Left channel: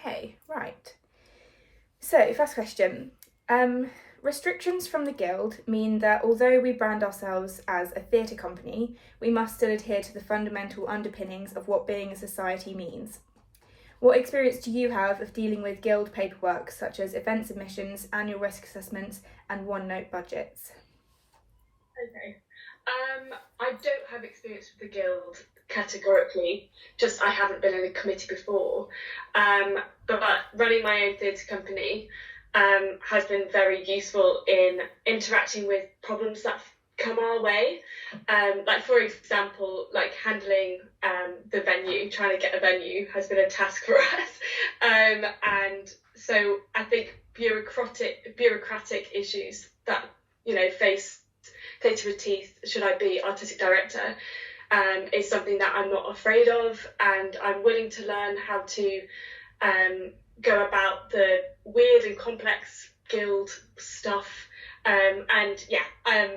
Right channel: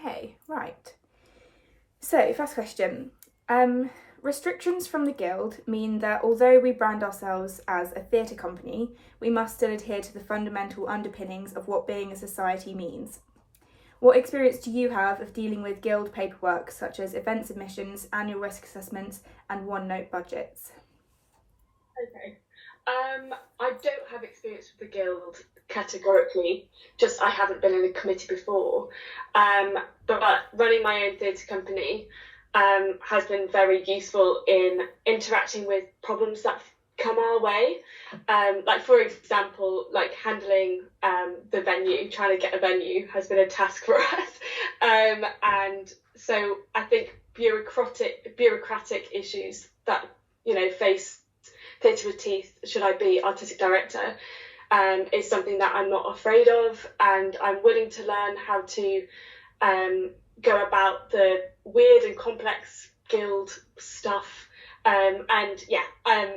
Okay, right. So, first question. Restrictions from the Guild mean that although we brand ourselves as a theatre company, we must still adhere to the fundamental underpinnings of what being a society means. What experience do you have of dealing with Guild paperwork such as event submissions, annual risk assessments, and one-note budgets? Okay. I don't have experience with the guild categorically, just I haven't been in a committee before. But running my own theatre company has been very useful in interacting with problems that come our way. Like for example, like handling the venue, trying to get a venue has been a task for us. And so I think bureaucratic issues that face theatre with teeth, should I be artistic director, is something that I'm not afraid of, and I'm willing to learn how to go about the weird and complex guild stuff.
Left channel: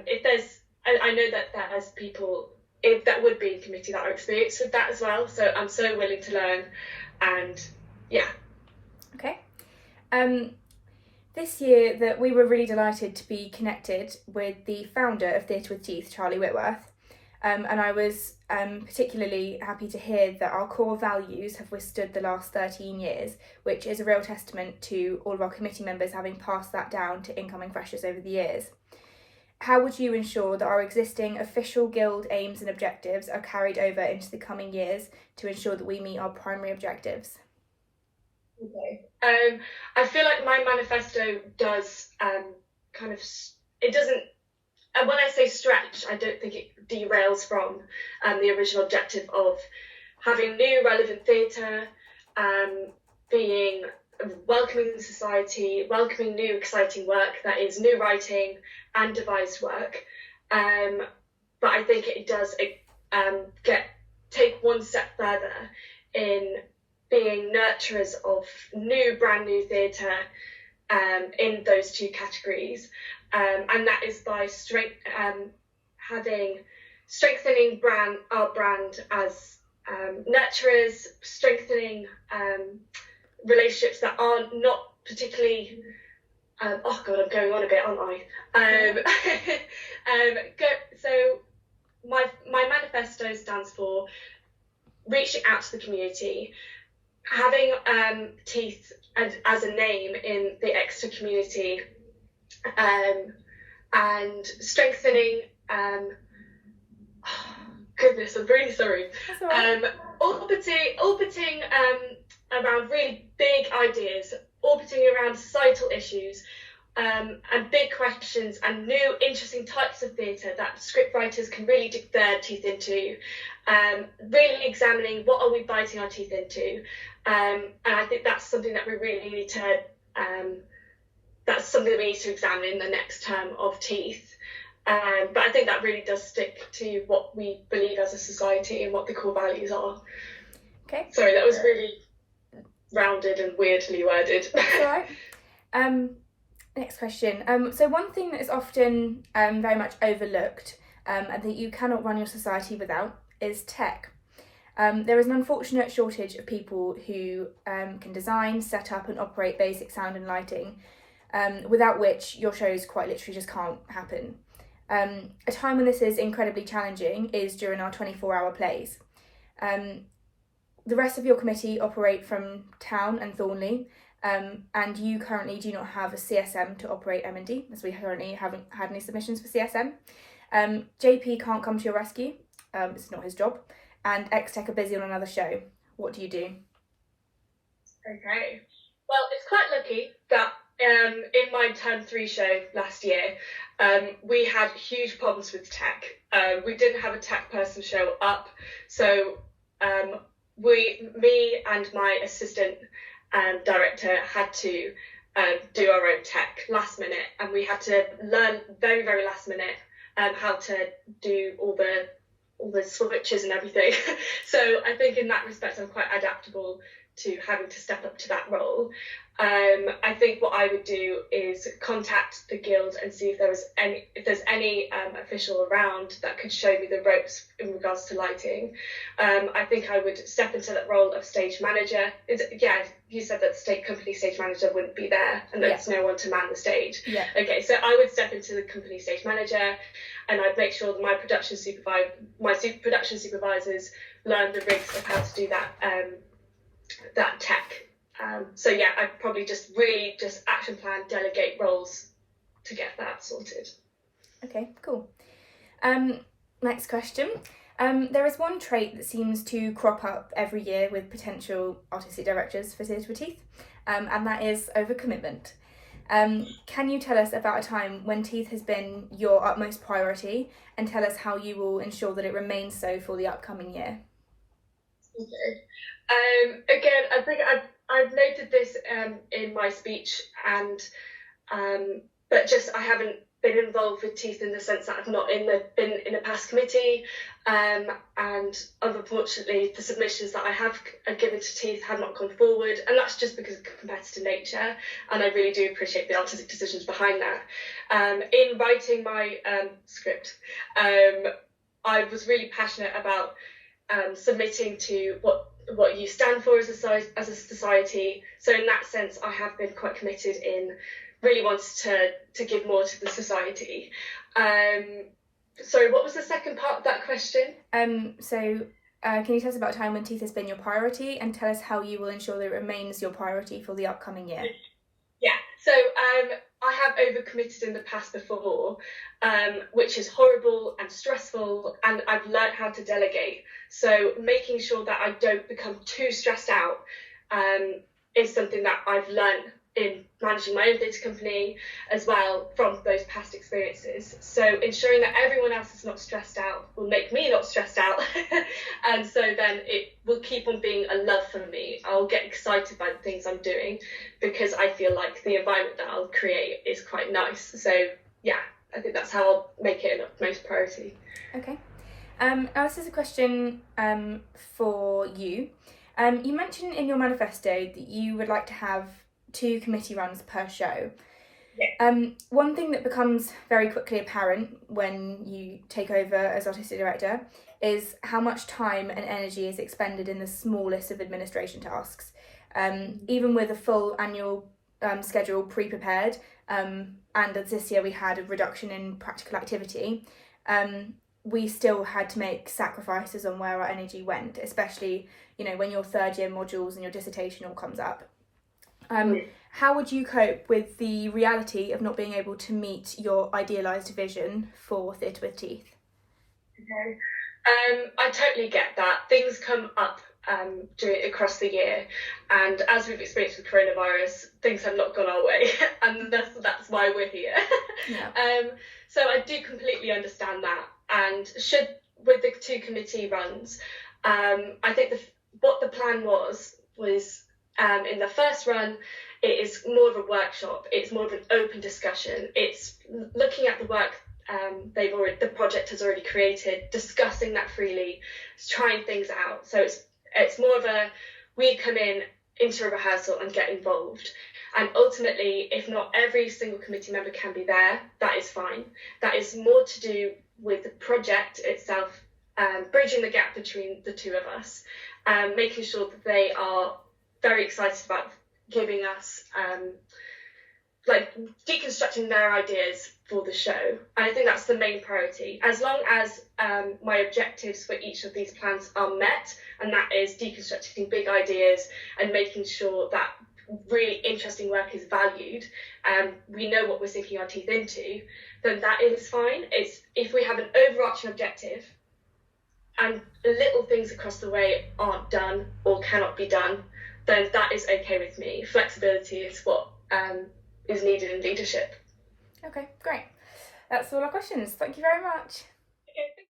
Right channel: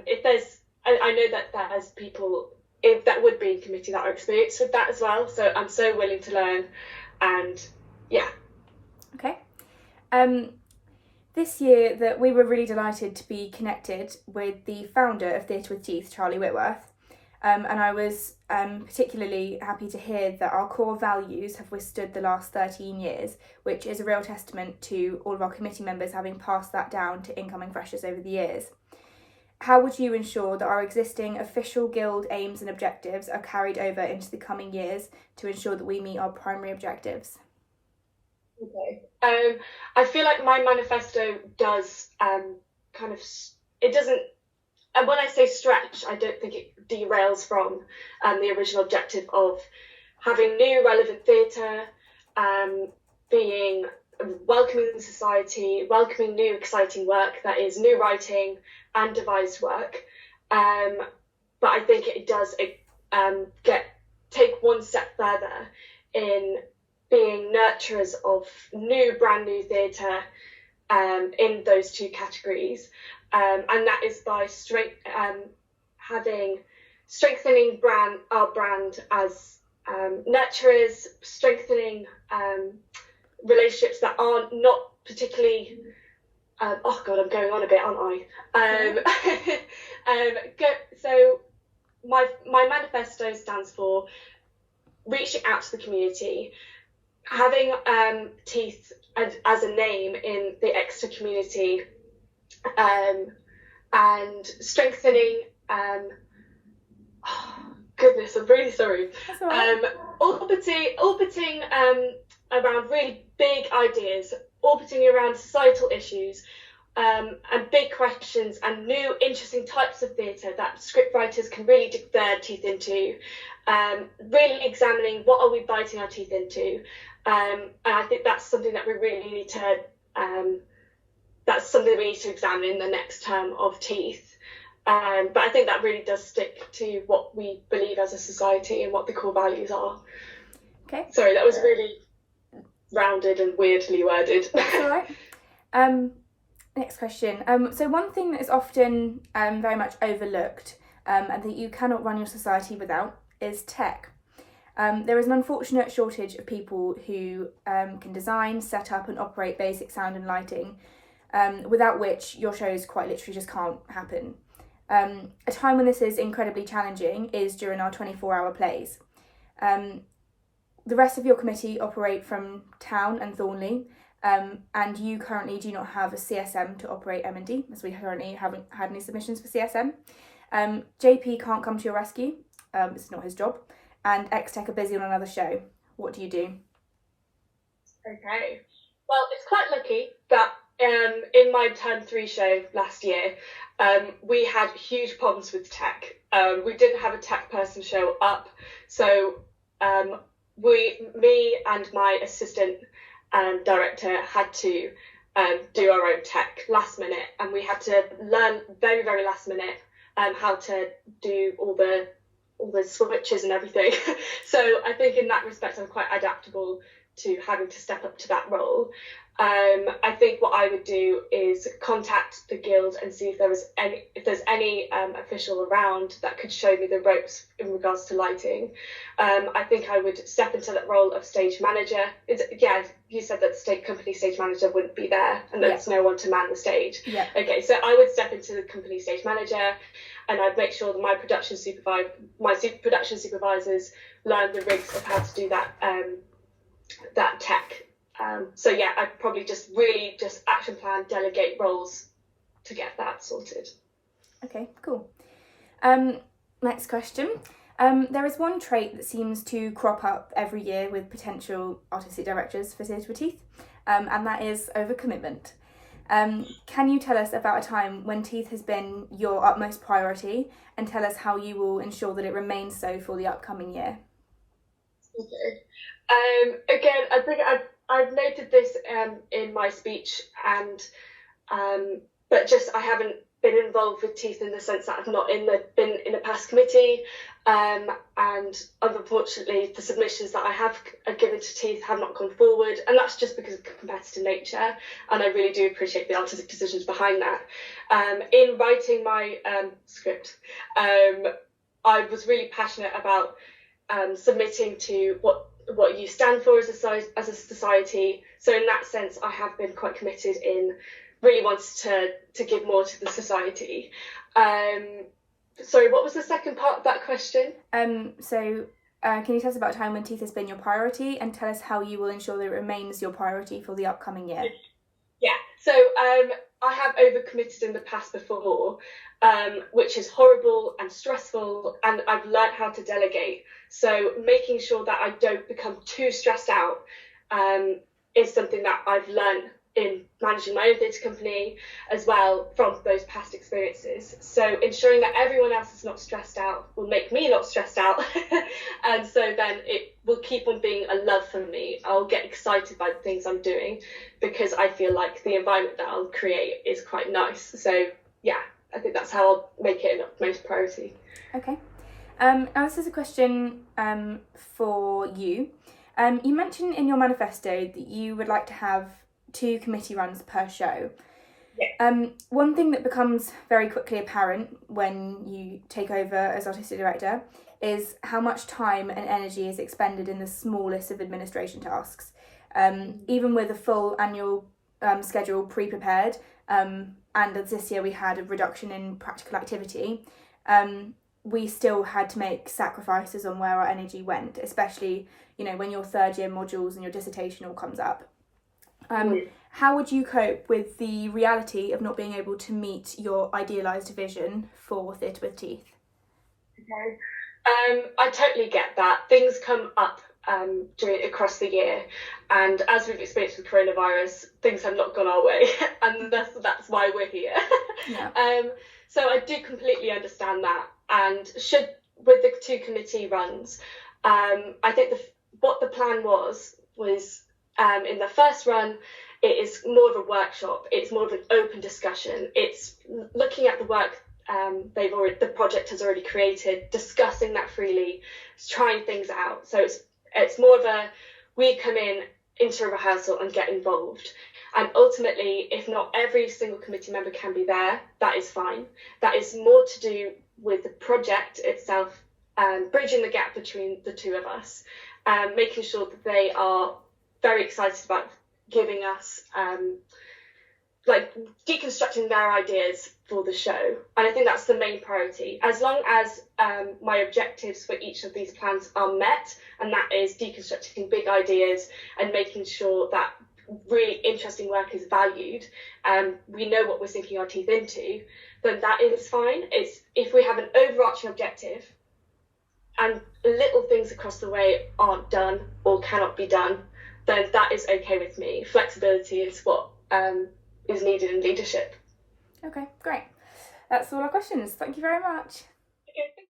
If there's, I know that there's people that would be in committee that are experienced with that as well, so I'm so willing to learn, and yeah. Okay. This year that we were really delighted to be connected with the founder of Theatre with Teeth, Charlie Whitworth. And I was particularly happy to hear that our core values have withstood the last 13 years, which is a real testament to all of our committee members having passed that down to incoming freshers over the years. How would you ensure that our existing official guild aims and objectives are carried over into the coming years to ensure that we meet our primary objectives? Okay. I feel like my manifesto does it doesn't, and when I say stretch, I don't think it derails from the original objective of having new relevant theatre, being welcoming society, welcoming new exciting work that is new writing and devised work. But I think it does take one step further in being nurturers of brand new theatre in those two categories. And that is by strengthening our brand as nurturers, strengthening relationships that are not particularly. Oh God, I'm going on a bit, aren't I? So my manifesto stands for reaching out to the community, having teeth as a name in the Exeter community, and strengthening. Goodness, I'm really sorry. That's all right. Orbiting around really big ideas, orbiting around societal issues, and big questions, and new interesting types of theatre that scriptwriters can really dig their teeth into. Really examining what are we biting our teeth into, and I think that's something that we really need to. That's something we need to examine in the next term of teeth. But I think that really does stick to what we believe as a society and what the core values are. Okay. Sorry, that was really rounded and weirdly worded. That's all right. Next question. So one thing that is often very much overlooked and that you cannot run your society without is tech. There is an unfortunate shortage of people who can design, set up and operate basic sound and lighting, without which your shows quite literally just can't happen. A time when this is incredibly challenging is during our 24-hour plays. The rest of your committee operate from town and Thornley, and you currently do not have a CSM to operate M&D, as we currently haven't had any submissions for CSM. JP can't come to your rescue, it's not his job, and X-Tech are busy on another show. What do you do? Okay. Well, it's quite lucky that in my Term 3 show last year, we had huge problems with tech. We didn't have a tech person show up, so me and my assistant director had to do our own tech last minute, and we had to learn very, very last minute how to do all the switches and everything. So I think in that respect I'm quite adaptable to having to step up to that role, I think what I would do is contact the guild and see if there's any official around that could show me the ropes in regards to lighting. I think I would step into that role of stage manager. You said that the company stage manager wouldn't be there and there's no one to man the stage. Yeah. Okay, so I would step into the company stage manager, and I'd make sure that my production supervisors learn the rigs of how to do that tech. I'd probably just action plan, delegate roles to get that sorted. Okay, cool. Next question. There is one trait that seems to crop up every year with potential artistic directors for Theatre with Teeth, and that is overcommitment. Can you tell us about a time when Teeth has been your utmost priority, and tell us how you will ensure that it remains so for the upcoming year? Okay. Again, I think I've noted this in my speech, but I haven't been involved with Teeth in the sense that I've not been in a past committee, and unfortunately the submissions that I have given to Teeth have not gone forward, and that's just because of competitive nature, and I really do appreciate the artistic decisions behind that. In writing my script, I was really passionate about submitting to what you stand for as a society. So in that sense, I have been quite committed in really wants to give more to the society. Sorry, what was the second part of that question? Can you tell us about a time when Teeth has been your priority, and tell us how you will ensure that it remains your priority for the upcoming year? Yeah, so I have overcommitted in the past before, which is horrible and stressful, and I've learned how to delegate. So making sure that I don't become too stressed out is something that I've learned in managing my own theatre company as well from those past experiences. So ensuring that everyone else is not stressed out will make me not stressed out. And so then it will keep on being a love for me. I'll get excited by the things I'm doing because I feel like the environment that I'll create is quite nice. So yeah, I think that's how I'll make it an utmost priority. Okay. Now this is a question for you. You mentioned in your manifesto that you would like to have 2 committee runs per show. Yeah. One thing that becomes very quickly apparent when you take over as artistic director is how much time and energy is expended in the smallest of administration tasks. Even with a full annual schedule pre-prepared, and this year we had a reduction in practical activity, we still had to make sacrifices on where our energy went, especially, when your third year modules and your dissertation all comes up. How would you cope with the reality of not being able to meet your idealised vision for Theatre with Teeth? Okay. I totally get that. Things come up across the year, and as we've experienced with coronavirus, things have not gone our way, and that's why we're here. Yeah. So I do completely understand that, and with the 2 committee runs, I think what the plan was in the first run, it is more of a workshop. It's more of an open discussion. It's looking at the work the project has already created, discussing that freely, trying things out. So it's more of we come into a rehearsal and get involved. And ultimately, if not every single committee member can be there, that is fine. That is more to do with the project itself, bridging the gap between the 2 of us, making sure that they are very excited about giving us deconstructing their ideas for the show. And I think that's the main priority. As long as my objectives for each of these plans are met, and that is deconstructing big ideas and making sure that really interesting work is valued, we know what we're sinking our teeth into, then that is fine. It's if we have an overarching objective and little things across the way aren't done or cannot be done, then that is okay with me. Flexibility is what is needed in leadership. Okay, great. That's all our questions. Thank you very much. Okay.